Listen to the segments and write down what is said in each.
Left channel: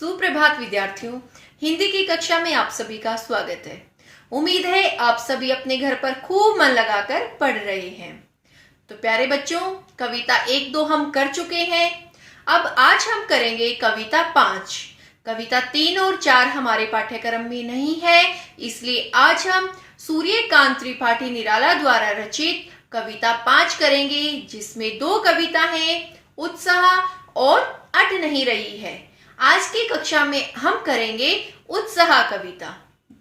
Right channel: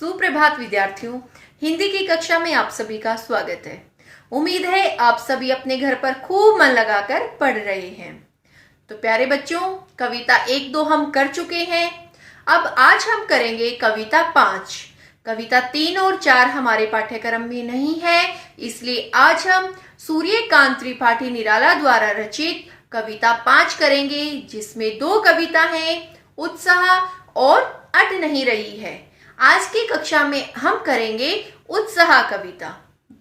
सुप्रभात विद्यार्थियों, हिंदी की कक्षा में आप सभी का स्वागत है। उम्मीद है आप सभी अपने घर पर खूब मन लगाकर पढ़ रहे हैं। तो प्यारे बच्चों, कविता 1-2 हम कर चुके हैं। अब आज हम करेंगे कविता 5। कविता 3 और 4 हमारे पाठ्यक्रम में नहीं है, इसलिए आज हम सूर्यकांत त्रिपाठी निराला द्वारा रचित कविता 5 करेंगे, जिसमें 2 कविता हैं, उत्साह और अट नहीं रही है। आज की कक्षा में हम करेंगे उत्साह कविता।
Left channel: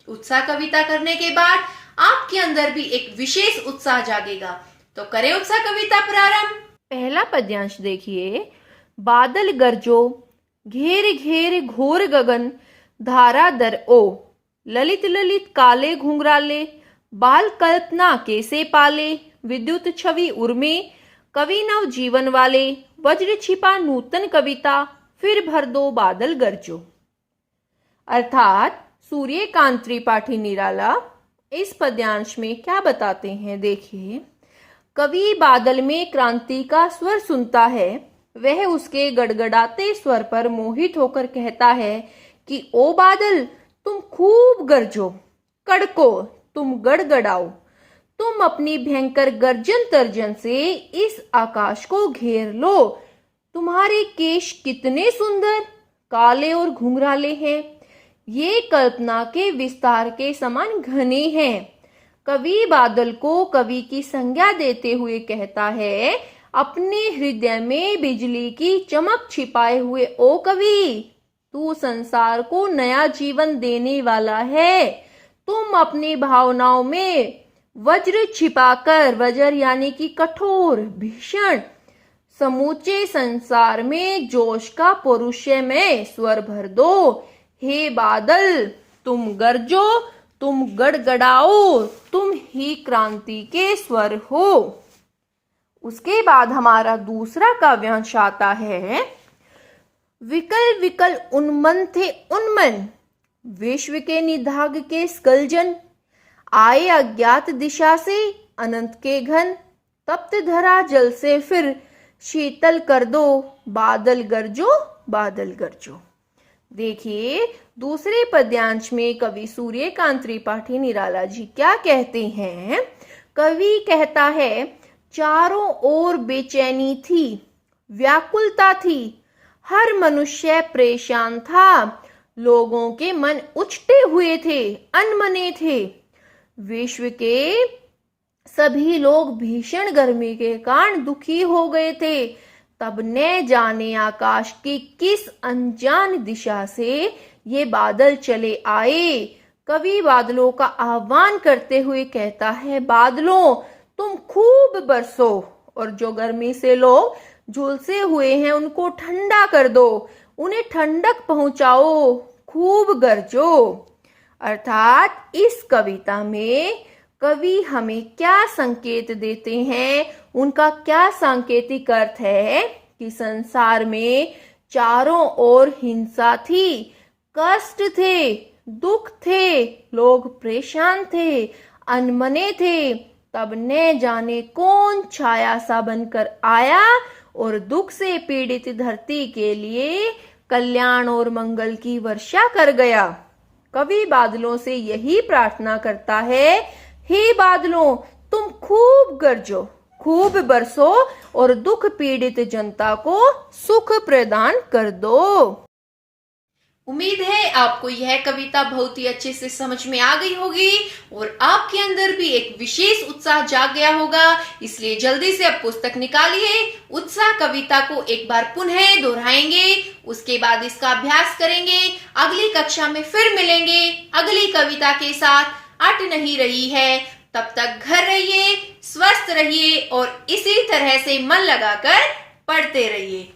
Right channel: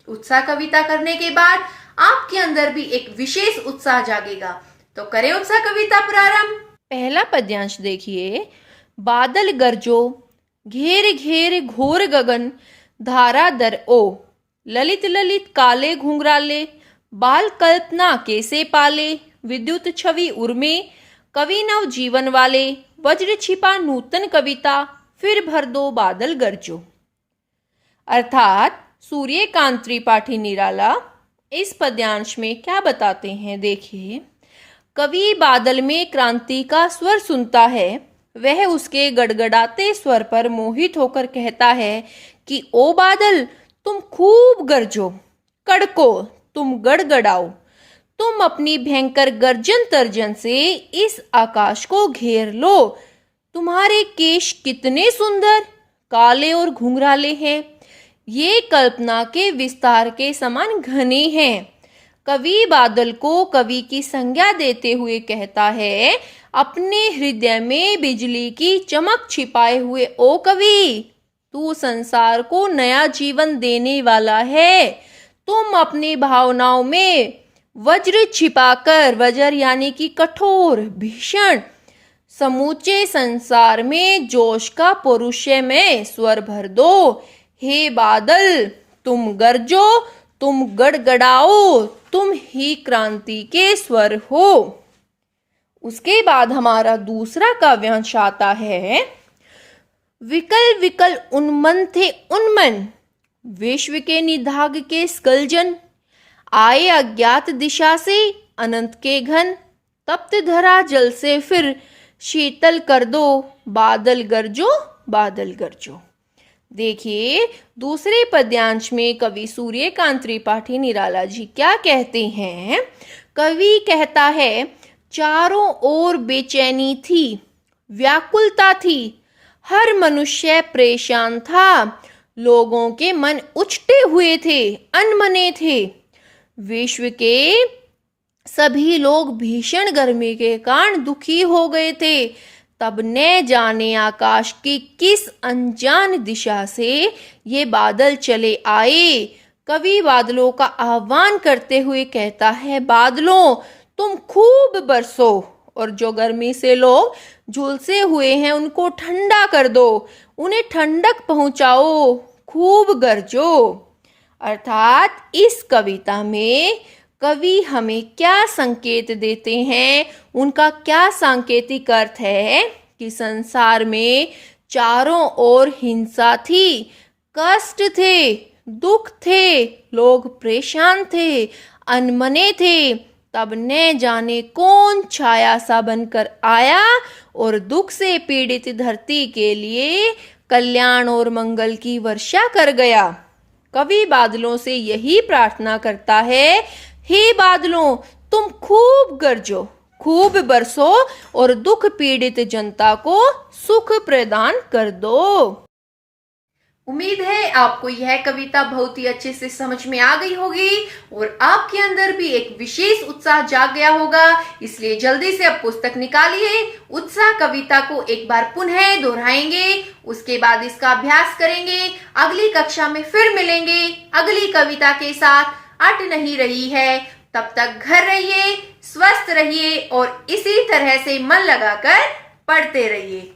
उत्साह कविता करने के बाद आपके अंदर भी एक विशेष उत्साह जागेगा। तो करें उत्साह कविता प्रारंभ। पहला पद्यांश देखिए। बादल गरजो, घेर घेर घोर गगन, धारा दर ओ, ललित ललित काले घुंघराले, बाल कल्पना कैसे पाले, विद्युत छवि उर्मे, कवि नव जीवन वाले, वज्र छिपा नूतन कविता, फिर भर दो बादल गरजो। अर्थात सूर्यकांत त्रिपाठी निराला इस पद्यांश में क्या बताते हैं, देखिए। कवि बादल में क्रांति का स्वर सुनता है। वह उसके गड़गड़ाते स्वर पर मोहित होकर कहता है कि ओ बादल, तुम खूब गरजो, कड़को, तुम गड़गड़ाओ, तुम अपनी भयंकर गर्जन तर्जन से इस आकाश को घेर लो। तुम्हारे केश कितने सुंदर काले और घुंघराले हैं, ये कल्पना के विस्तार के समान घने हैं। कवि बादल को कवि की संज्ञा देते हुए कहता है, अपने हृदय में बिजली की चमक छिपाए हुए ओ कवि, तू संसार को नया जीवन देने वाला है। तुम अपनी भावनाओं में वज्र छिपाकर, वज्र यानी कि कठोर भीषण, समूचे संसार में जोश का पौरुषय में स्वर भर दो। हे बादल, तुम गरजो, तुम गड़गड़ाओ, तुम ही क्रांति के स्वर हो। उसके बाद हमारा दूसरा काव्यांश आता है। विकल विकल उन्मन थे उन्मन, विश्व के निधाग के स्कलजन, आए अज्ञात दिशा से अनंत के घन, तप्त धरा जल से फिर शीतल कर दो, बादल गरजो, बादल गरजो। देखिए, दूसरे पद्यांश में कवि सूर्यकांत त्रिपाठी निराला जी क्या कहते हैं। कवि कहता है, चारों ओर बेचैनी थी, व्याकुलता थी, हर मनुष्य परेशान था, लोगों के मन उछटे हुए थे, अनमने थे। विश्व के सभी लोग भीषण गर्मी के कारण दुखी हो गए थे। तब न जाने आकाश की किस अनजान दिशा से ये बादल चले आए। कवि बादलों का आह्वान करते हुए कहता है, बादलों, तुम खूब बरसो और जो गर्मी से लोग झुलसे हुए हैं उनको ठंडा कर दो, उन्हें ठंडक पहुंचाओ, खूब गरजो। अर्थात इस कविता में कवि हमें क्या संकेत देते हैं, उनका क्या सांकेतिक अर्थ है कि संसार में चारों ओर हिंसा थी, कष्ट थे, दुख थे, लोग परेशान थे, अनमने थे। तब न जाने कौन छाया सा बनकर आया और दुख से पीड़ित धरती के लिए कल्याण और मंगल की वर्षा कर गया। कवि बादलों से यही प्रार्थना करता है, हे बादलों, तुम खूब गरजो, खूब बरसो और दुख पीड़ित जनता को सुख प्रदान कर दो। उम्मीद है आपको यह कविता बहुत ही अच्छे से समझ में आ गई होगी और आपके अंदर भी एक विशेष उत्साह जाग गया होगा। इसलिए जल्दी से अब पुस्तक निकालिए। उत्साह कविता को एक बार पुनः दोहराएंगे, उसके बाद इसका अभ्यास करेंगे। अगली कक्षा में फिर मिलेंगे अगली कविता के साथ। अट नहीं रही है, तब तक घर रहिए, स्वस्थ रहिए और इसी तरह से मन लगाकर पढ़ते रहिए।